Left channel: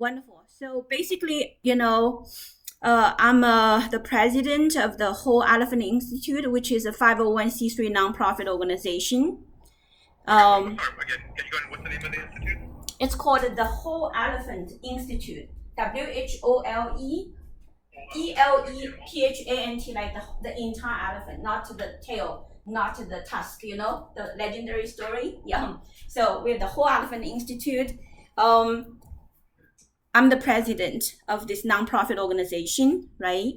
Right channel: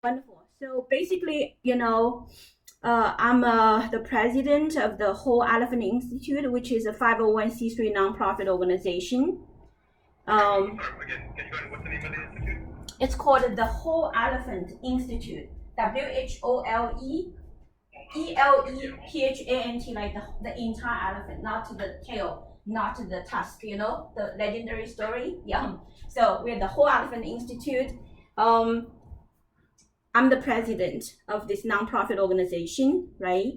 Wonderful. So basically, I'm the president of the Whole Elephant Institute, which is a 501c3 nonprofit organization. Sorry, again, can you go ahead? What's the name of the institute? It's called the Whole Elephant Institute. WHOLEELEPHANT, like the entire elephant, not the tail, not the tusk. The legendary story. Yeah. So we're the Whole Elephant Institute. I'm the president of this nonprofit organization, right?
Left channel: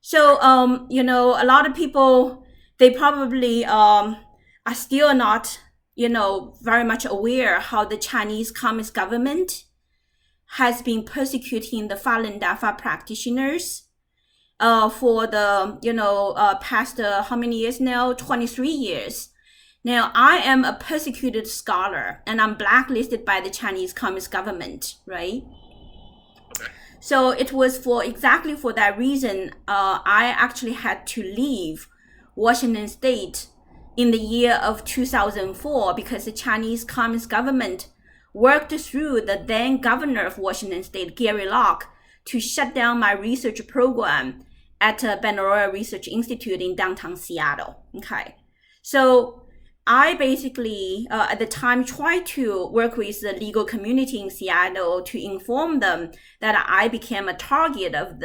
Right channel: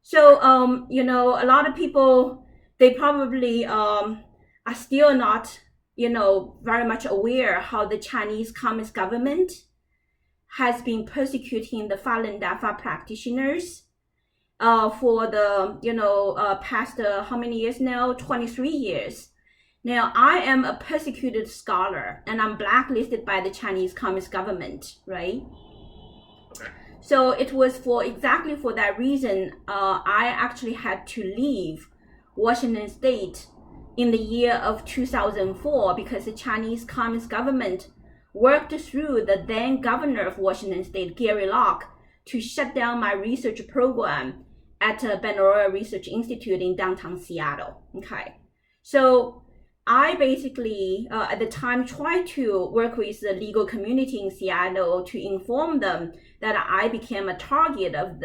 So, a lot of people, they probably are still not, very much aware how the Chinese Communist government has been persecuting the Falun Dafa practitioners for the, past how many years now? 23 years. Now, I am a persecuted scholar and I'm blacklisted by the Chinese Communist government, right? So it was exactly for that reason, I actually had to leave Washington State in the year of 2004 because the Chinese Communist government worked through the then governor of Washington State, Gary Locke, to shut down my research program at Benaroya Research Institute in downtown Seattle. Okay, so I basically, at the time, tried to work with the legal community in Seattle to inform them that I became a target of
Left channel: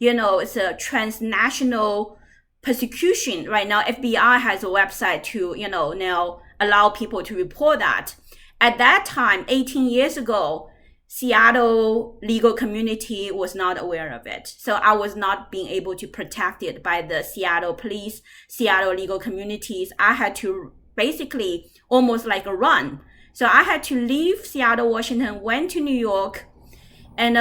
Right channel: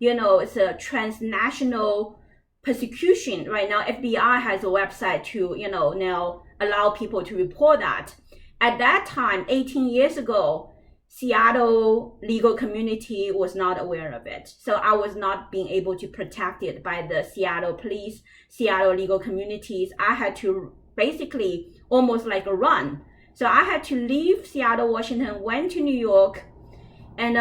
it's a transnational persecution. Right now, FBI has a website to, now allow people to report that. At that time, 18 years ago, Seattle legal community was not aware of it. So I was not being able to protect it by the Seattle police, Seattle legal communities. I had to basically almost like a run. So I had to leave Seattle, Washington, went to New York, and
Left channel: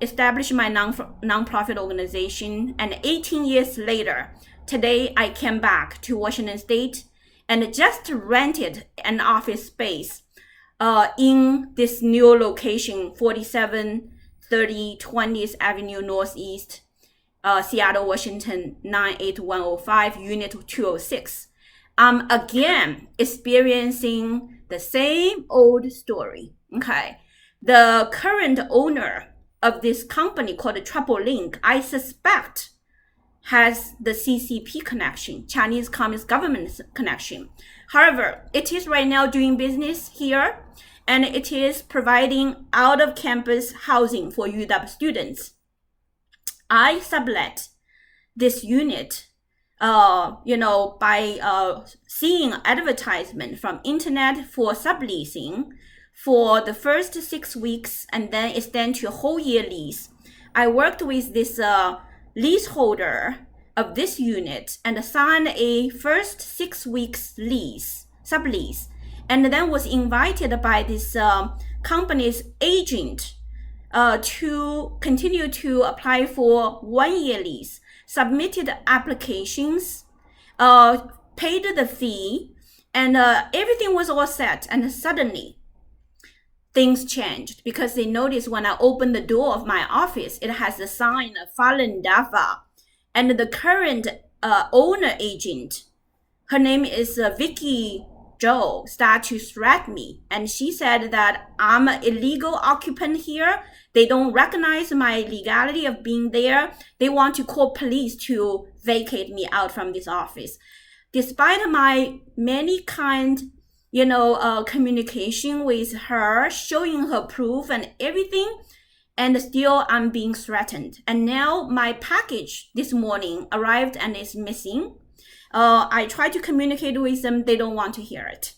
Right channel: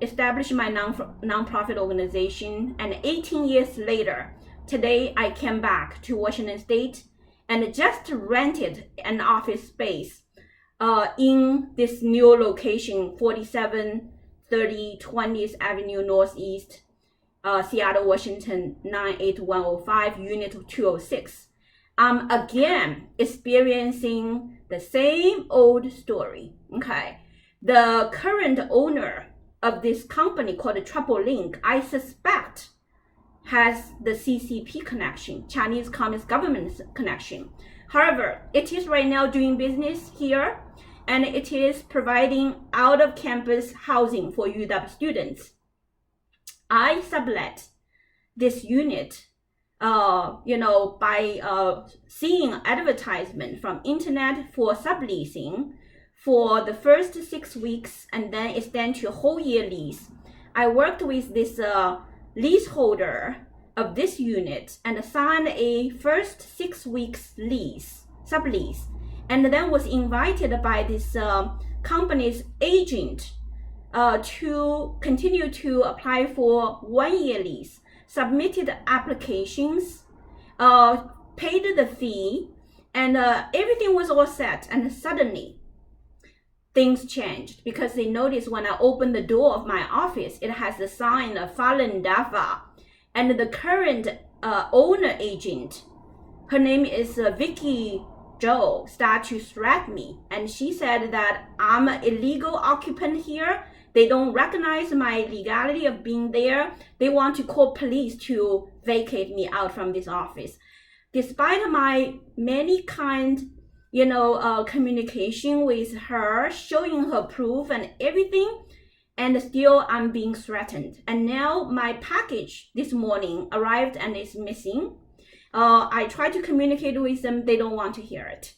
established my nonprofit organization. And 18 years later, today I came back to Washington State and just rented an office space in this new location, 4730 20th Avenue Northeast, Seattle, Washington, 98105, Unit 206. I'm again experiencing the same old story. Okay. The current owner of this company called Tripalink, I suspect, has the CCP connection, Chinese Communist government connection. However, it is right now doing business here, and it is providing out-of-campus housing for UW students. I sublet this unit by seeing advertisement from internet for subleasing for the first 6 weeks and then extend to a whole year lease. I worked with this leaseholder of this unit and signed a first 6 weeks lease, sublease, and then was invited by this company's agent to continue to apply for 1 year lease. Submitted applications, paid the fee, and everything was all set. And suddenly, things changed because they noticed when I opened the door of my office, it has the sign of Falun Dafa. And the current owner agent, her name is VIcky Zhou, started to threaten me. And she said that I'm an illegal occupant here. They don't recognize my legality of being there. They want to call police to vacate me out from this office. Despite my many communication with her, showing her proof and everything, and still I'm being threatened. And now my package this morning arrived and is missing. I tried to communicate with them. They don't want to hear it.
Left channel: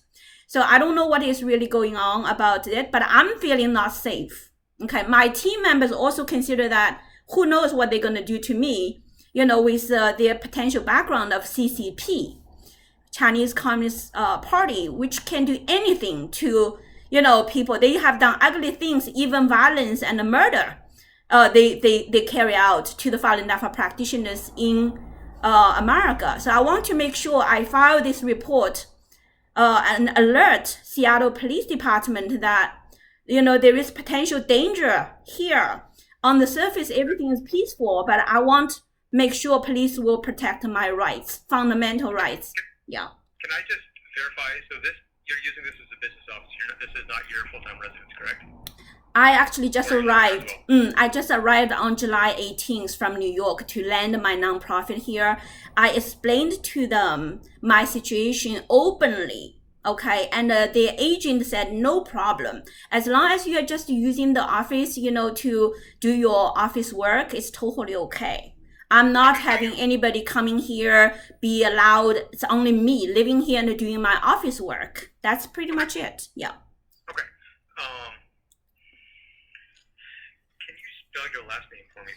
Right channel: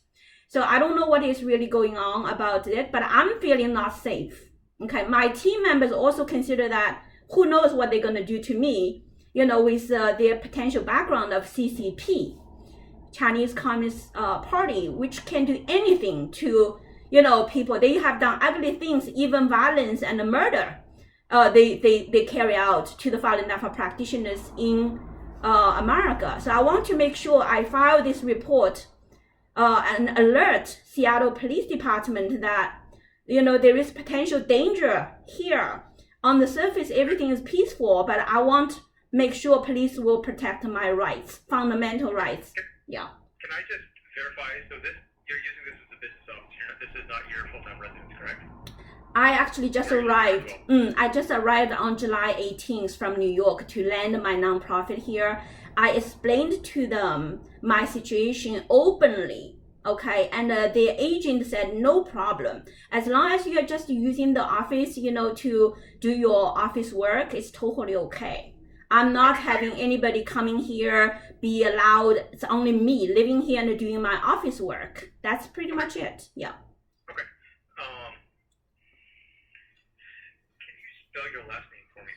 So I don't know what is really going on about it, but I'm feeling not safe. Okay, my team members also consider that who knows what they're going to do to me, with their potential background of CCP, Chinese Communist Party, which can do anything to, people. They have done ugly things, even violence and murder. They carry out to the Falun Dafa practitioners in America. So I want to make sure I file this report and alert Seattle Police Department that there is potential danger here. On the surface, everything is peaceful, but I want to make sure police will protect my rights, fundamental rights. Yeah. Can I just verify? So you're using this as a business office. This is not your full-time residence, correct? I actually just Or are you there as arrived. well? I just arrived on July 18th from New York to land my nonprofit here. I explained to them my situation openly. Okay, and the agent said no problem. As long as you're just using the office, to do your office work, it's totally okay. I'm not Okay, so having you, anybody coming here be allowed. It's only me living here and doing my office work. That's pretty okay, much it. Yeah. okay. Can you spell your last name for me,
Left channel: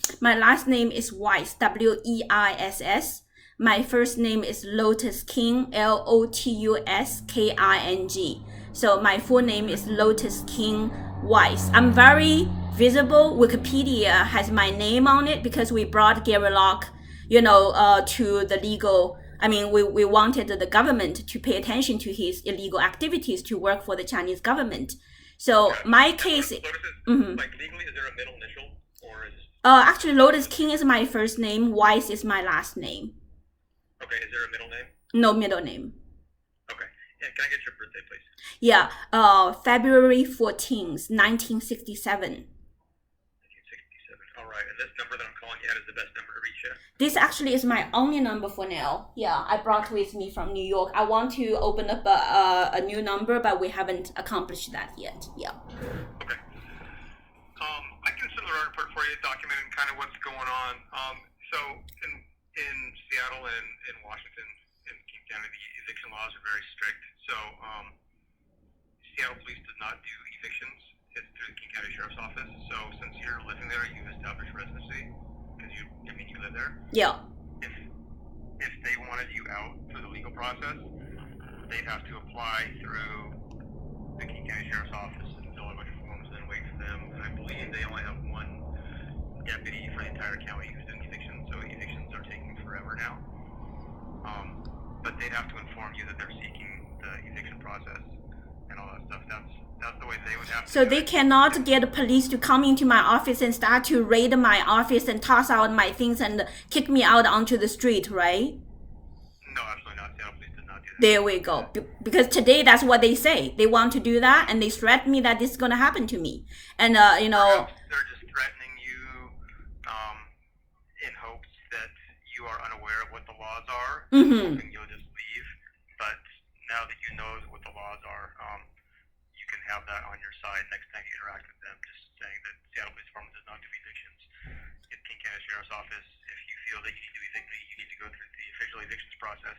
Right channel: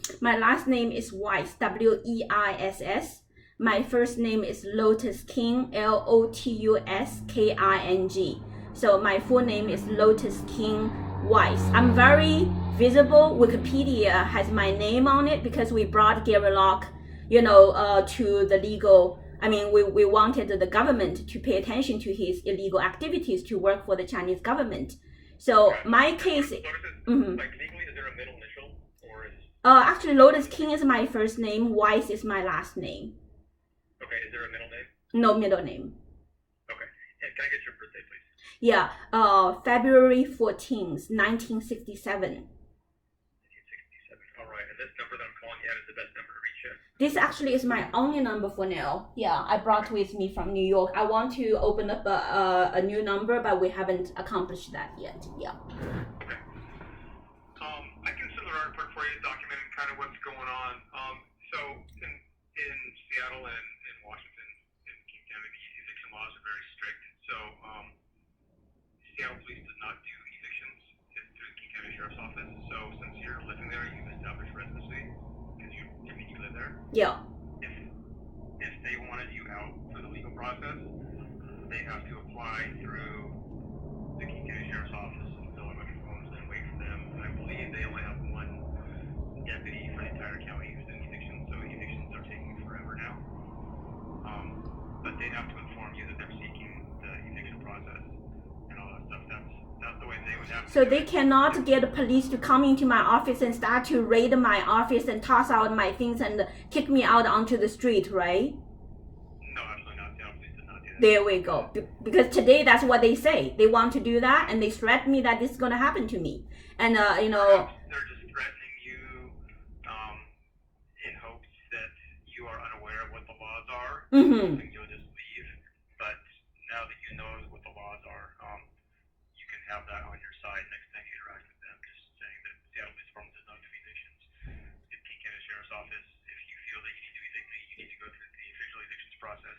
please? My last name is Weiss, Weiss. My first name is Lotus King, Lotusking. So my full name is Lotus King Weiss. I'm very visible. Wikipedia has my name on it because we brought Gary Locke, to the legal. I mean, we wanted the government to pay attention to his illegal activities to work for the Chinese government. So Gotcha. my And case. Lotus is, Mhm. like, legally, is there a middle initial? Or is, Actually, Lotus King is my first name. Weiss is my last name. okay, is there a middle name? No middle name. Okay. And can I get your birthday, please? Yeah. February 14th, 1967. 1967. All right. And this number that I'm calling you at is the best number to reach you? This actually is my only number for now. Yeah, I brought with me from New York. I want to open up a new number, but we haven't accomplished that yet. Yeah. Okay. I can send the report for you, documenting kind of what's going on. So in Seattle and in Washington, in King County, the eviction laws are very strict. So Seattle Police does not do evictions. It's through the King County Sheriff's Office. So since you're living there, you've established residency because you live there. Yeah. If they wanted you out through the legal process, they have to apply through the King County Sheriff's Office and fill out a bunch of forms and then wait for them. And I believe they only have one deputy for the entire county who's doing evictions, so evictions are taking forever now. But they have to inform you that they're seeking the eviction process and all that stuff. That's the way they would have to So do they it. cannot get the police to come into my office and start to raid my office and toss out my things and kick me out onto the street, right? No, absolutely not. Seattle Police did not do that. There we go. Because today that's what they say. They want to do that and they threaten me that this is going to happen to me. And, Perhaps they're just threatening you in hopes that you are unaware of what the laws are, hoping you'll just leave. But now that you know what the laws are, you can have that on your side next time you interact with them, just saying that Seattle Police Department does not do evictions. At King County Sheriff's Office, if you feel that you need to evict me, you need to go through the official evictions process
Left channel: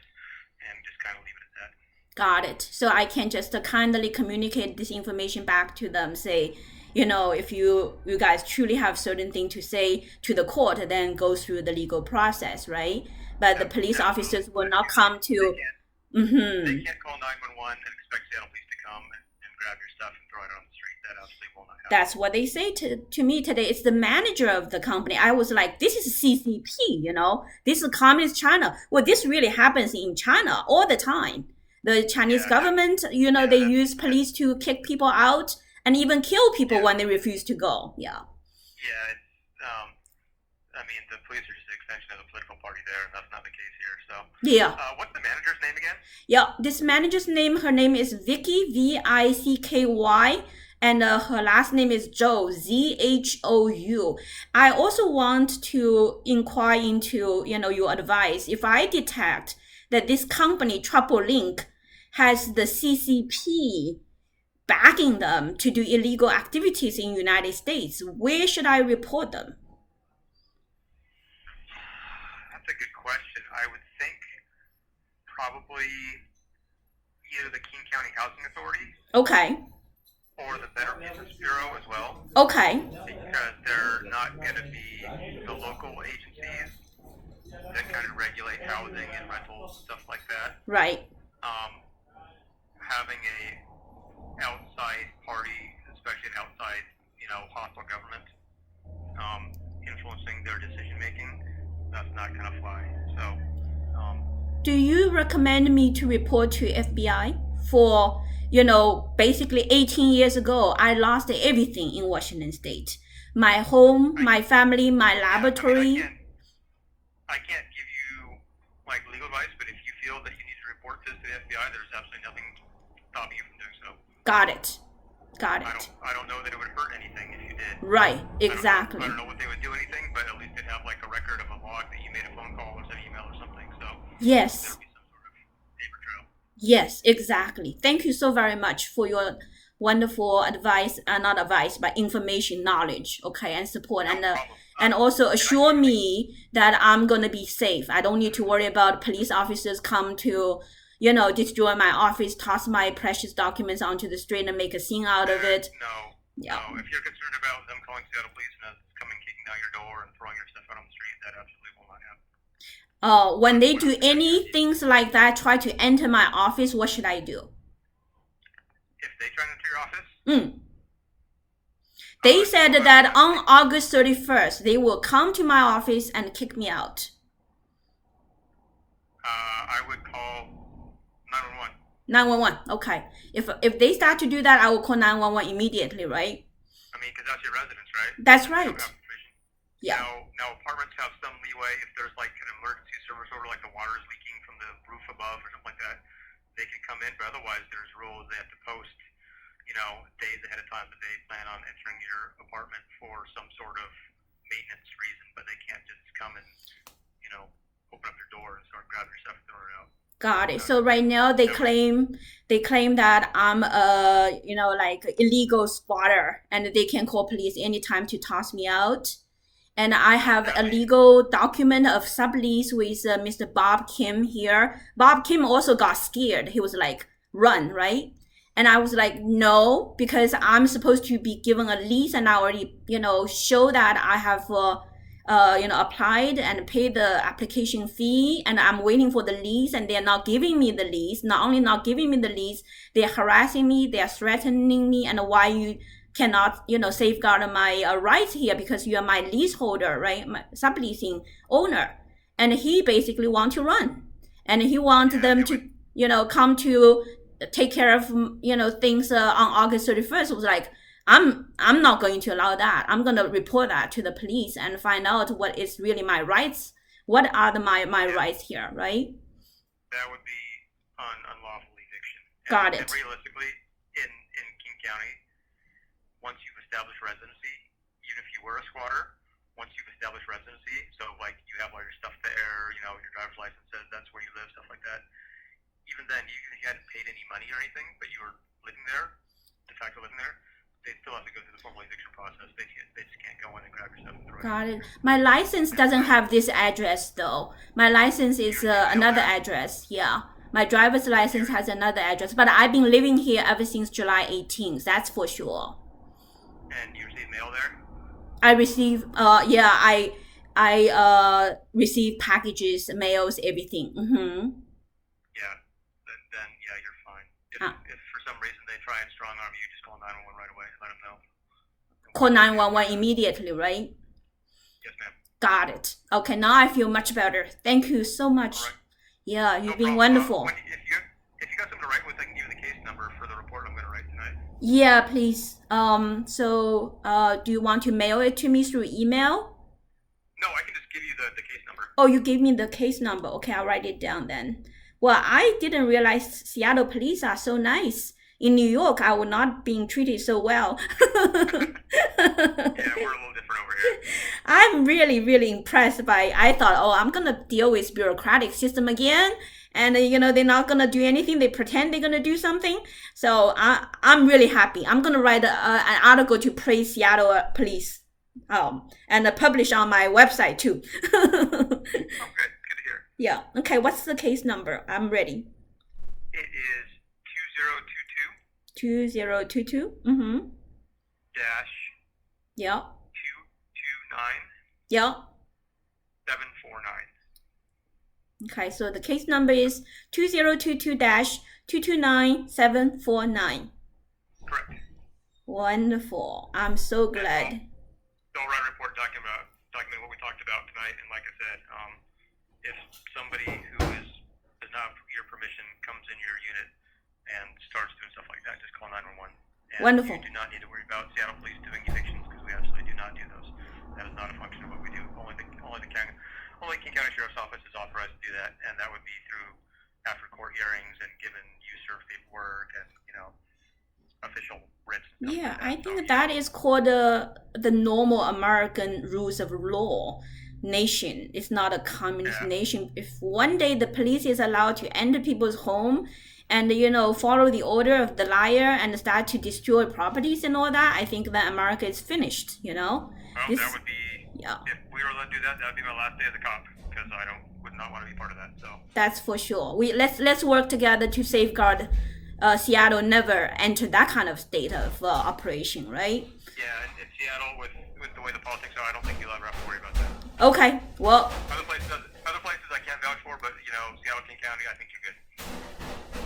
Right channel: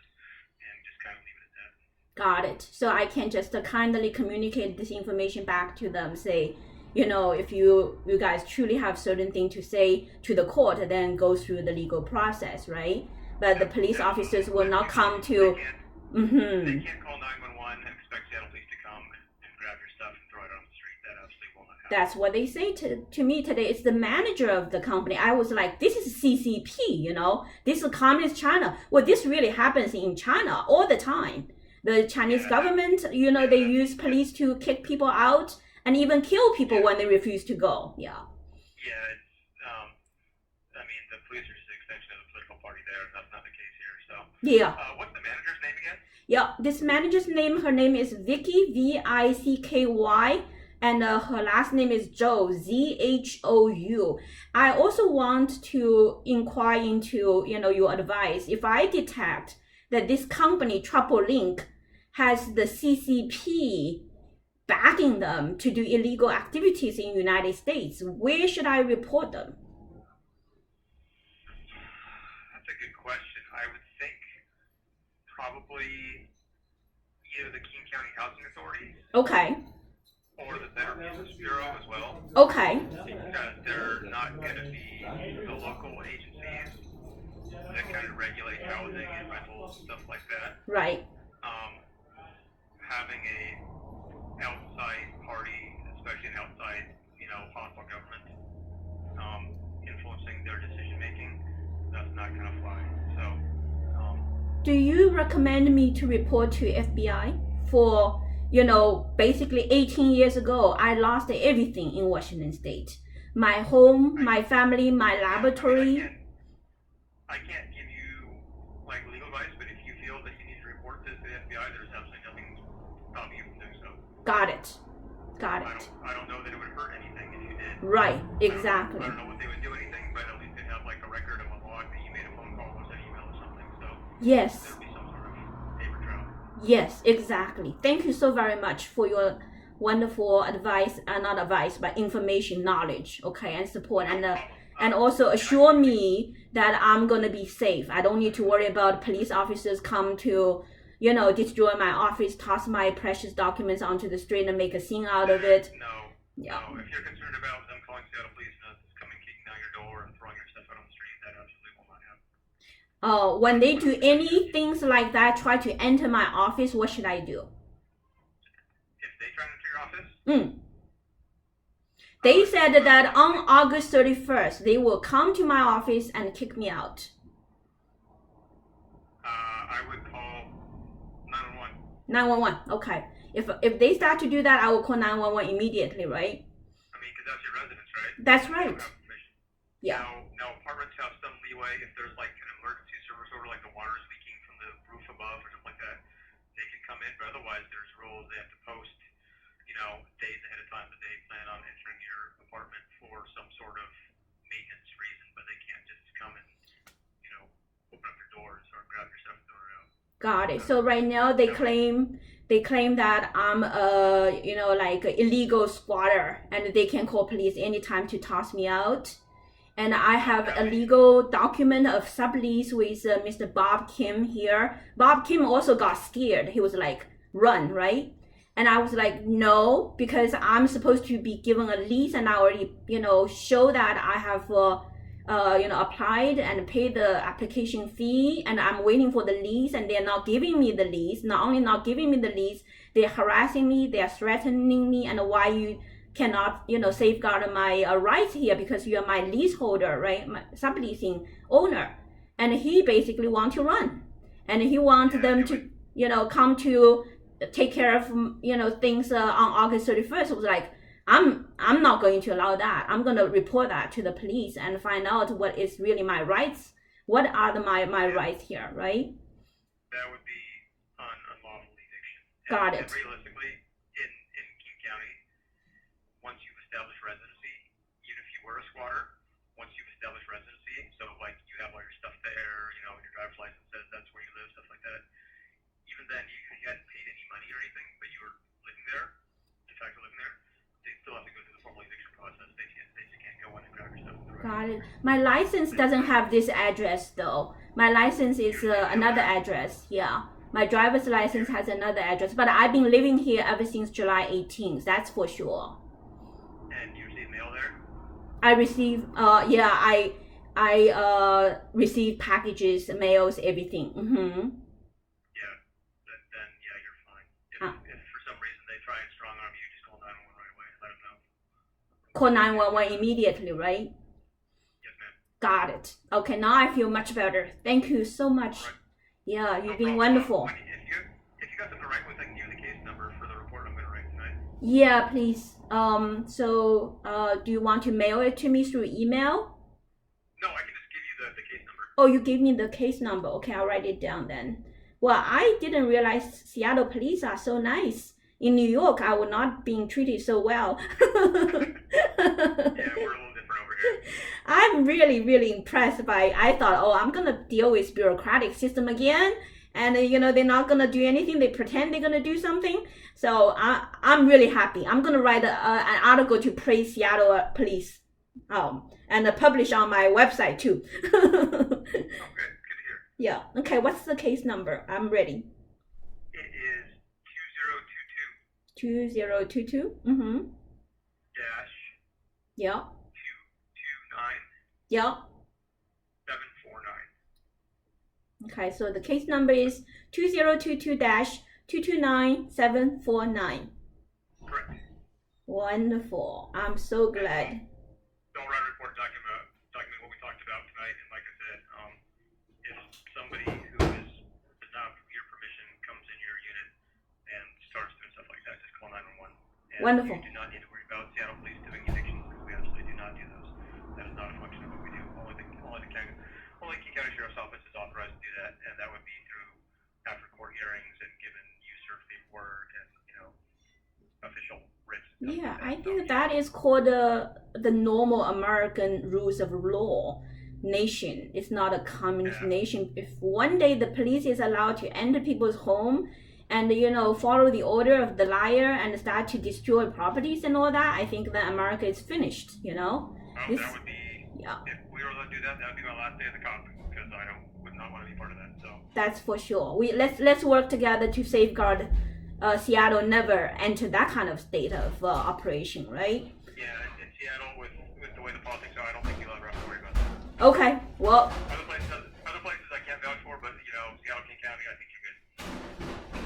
and just kind of leave it at that. got it. So I can just kindly communicate this information back to them, say, if you guys truly have certain thing to say to the court, then go through the legal process, right? But the police officers will not come to. They can't call 911 and expect Seattle Police to come and grab your stuff and throw it on the street. That absolutely will not happen. That's what they say to me today. It's the manager of the company. I was like, this is CCP, this is communist China. Well, this really happens in China all the time. The Chinese government, they use police to kick people out and even kill people when they refuse to go. Yeah. Yeah, it's, I mean, the police are just an extension of the political party there, and that's not the case here. So, Yeah. What's the manager's name again? Yeah. This manager's name, her name is VIcky, VICKY. And her last name is Zhou, ZHOU. I also want to inquire into, your advice. If I detect that this company, Tripalink, has the CCP backing them to do illegal activities in the United States, where should I report them? That's a good question. I would think probably either the King County Housing Authority Okay. or the Better Business Bureau as well, Okay. because they're not going to be the local agencies that kind of regulate housing and rentals, stuff like that. Right. Having a outside party, especially an outside, hostile government, influencing their decision making, that's not gonna fly. So, Do you recommend me to report to FBI for, basically 18 years ago, I lost everything in Washington State. My home, my family, my laboratory. I can't give you like legal advice, but if you feel that you need to report this to the FBI, there's absolutely nothing stopping you from doing so. Got it. Got I it. don't know that it would hurt anything if you did. Right, exactly. I don't know what they would do anything, but at least they'd have like a record of a log that you made a phone call or sent an email or something. So Yes. there'd be some sort of paper trail. Yes, exactly. Thank you so very much for your wonderful advice, not advice, but information, knowledge, okay, and support, No and problem. and also assure me that I'm gonna be safe. I don't need to worry about police officers come to, destroy my office, toss my precious documents onto the street, and make a scene out of it. No. Yeah. No. If you're concerned about them calling Seattle police and coming kicking down your door and throwing your stuff out on the street, that absolutely will not happen. When they do any things like that, try to enter my office, what should I do? If they try to enter your office, they said that on August 31st, they will come to my office and kick me out. I would call 911. 911, okay. If they start to do that, I will call 911 immediately, right? I mean, because that's your residence, right? That's They right. don't have permission. Yeah. Now, apartments have some leeway if there's like an emergency service order, like the water is leaking from the roof above or something like that. They can come in, but otherwise, there's rules they have to post, days ahead of time that they plan on entering your apartment for some sort of maintenance reason, but they can't just come and, open up your door and start grabbing your stuff and throwing it out. Got it. So right now they claim that I'm a like illegal squatter, and they can call police anytime to toss me out. And I have a legal document of sublease with Mr. Bob Kim here. Bob Kim also got scared. He was like, "Run, right?" And I was like, "No," because I'm supposed to be given a lease, and I already show that I have applied and paid the application fee, and I'm waiting for the lease, and they're not giving me the lease. Not only not giving me the lease, they're harassing me, they're threatening me, and why you cannot safeguard my rights here because you are my leaseholder, right? My subleasing owner. And he basically want to run, and he want them to come to take care of things on August 31st. It was like, I'm not going to allow that. I'm going to report that to the police and find out what is really my rights. What are my rights here, right? That would be unlawful eviction. Got it. And realistically, in King County, once you've established residency, even if you were a squatter, once you've established residency, so like you have all your stuff there, your driver's license says that's where you live, stuff like that. Even then, you hadn't paid any money or anything, but you were living there, de facto living there. They still have to go through the formal eviction process. They just can't go in and grab your stuff and throw it. Got it. My license doesn't have this address though. My license is another address. Yeah. My driver's license has another address, but I've been living here ever since July 18th. That's for sure. And you receive mail there? I receive. I receive packages, mails, everything. Yeah. Then you're fine. If for some reason they try and strong arm you, just call 911 right away and let them know. Call 911 immediately, right? Yes, ma'am. Got it. Okay, now I feel much better. Thank you so much. All right. Yeah, you've been problem. wonderful. If you got something to write with, I can give you the case number for the report I'm going to write tonight. Yeah, please. Do you want to mail it to me through email? No, I can just give you the case number. Oh, you gave me the case number. Okay, I'll write it down then. Well, I didn't realize Seattle police are so nice. In New York, I would not being treated so well. Yeah, we're a little different over here. I'm really, really impressed by. I thought, I'm gonna deal with bureaucratic system again, and they're not gonna do anything. They pretend they're gonna do something. So I'm really happy. I'm gonna write an article to praise Seattle police, and publish on my website too. Okay, good to hear. Yeah. Okay. What's the case number? I'm ready. It is 2022. dash Yeah. 229 Yeah. 749. Okay, so the case number is 2022-229749. Correct. Wonderful. I'm so glad. Don't write a report document what we talked about tonight. And like I said, if somebody who does not have your permission comes in your unit and starts doing stuff like that, just call 911. And Wonderful. You do not need to worry about Seattle police doing evictions because we absolutely do not do those. That is not a function of what we do. Only King County Sheriff's Office is authorized to do that, and that would be through after court hearings and given you serve paperwork and official writs. Yeah, I So think that is called the normal American rules of law nation. It's not a communist yeah, nation. If one day the police is allowed to enter people's home and follow the order of the liar and start to destroy properties and all that, I think that America is finished. well, that This, would be yeah, if we were allowed to do that. That would be my last day as a cop because I don't would not want to be part of that. So that's for sure. Let's work together to safeguard Seattle never enter that kind of state of operation, right? yeah, in Seattle with the way the politics are, I don't think you'll ever have to worry about that. Okay, well, Other places I can't vouch for, but Seattle King County, I think you're good.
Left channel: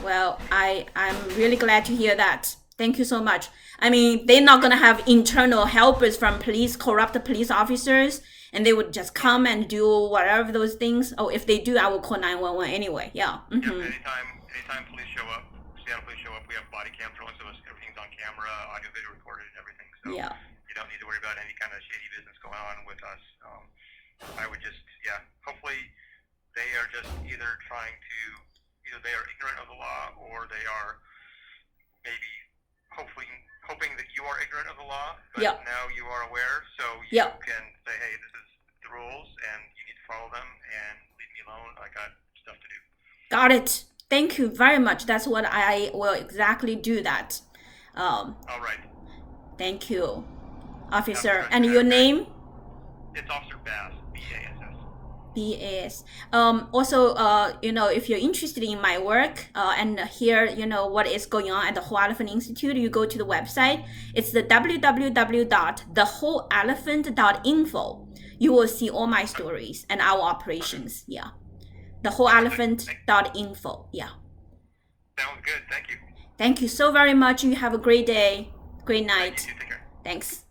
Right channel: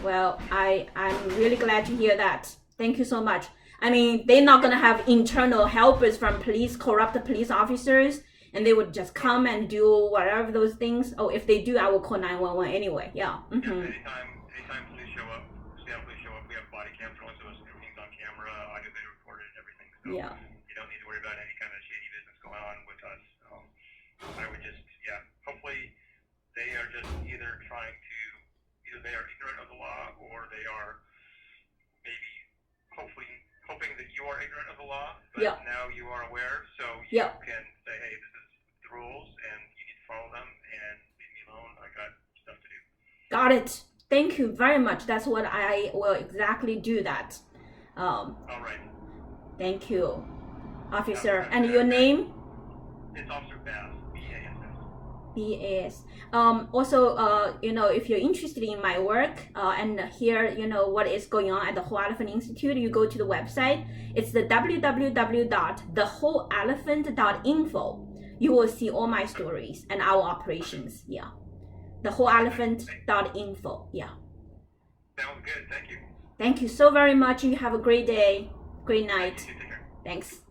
Well, I'm really glad to hear that. Thank you so much. I mean, they're not gonna have internal helpers from police, corrupt police officers, and they would just come and do whatever those things. Oh, if they do, I will call 911 anyway. Yeah. Yep, anytime police show up, Seattle police show up, we have body cam drilling, so everything's on camera, audio, video recorded, and everything. So Yeah. you don't need to worry about any kind of shady business going on with us. I would just, yeah, hopefully they are just either they are ignorant of the law or they are maybe hoping that you are ignorant of the law, but Yep. now you are aware, so you Yep. can say, hey, this is the rules and you need to follow them and leave me alone. I got stuff to do. Got it. Thank you very much. That's what I will exactly do that. All right. Thank you, officer. Have a And good your afternoon. name? It's Officer Bass, BASS. BAS. Also, if you're interested in my work and hear, what is going on at the Whole Elephant Institute, you go to the website. It's the www.thewholeelephant.info. You will see all my stories and our operations. Yeah. Thewholeelephant.info. Yeah. Sounds good. Thank you. Thank you so very much. You have a great day. Great Thank night. you. Take care. Thanks.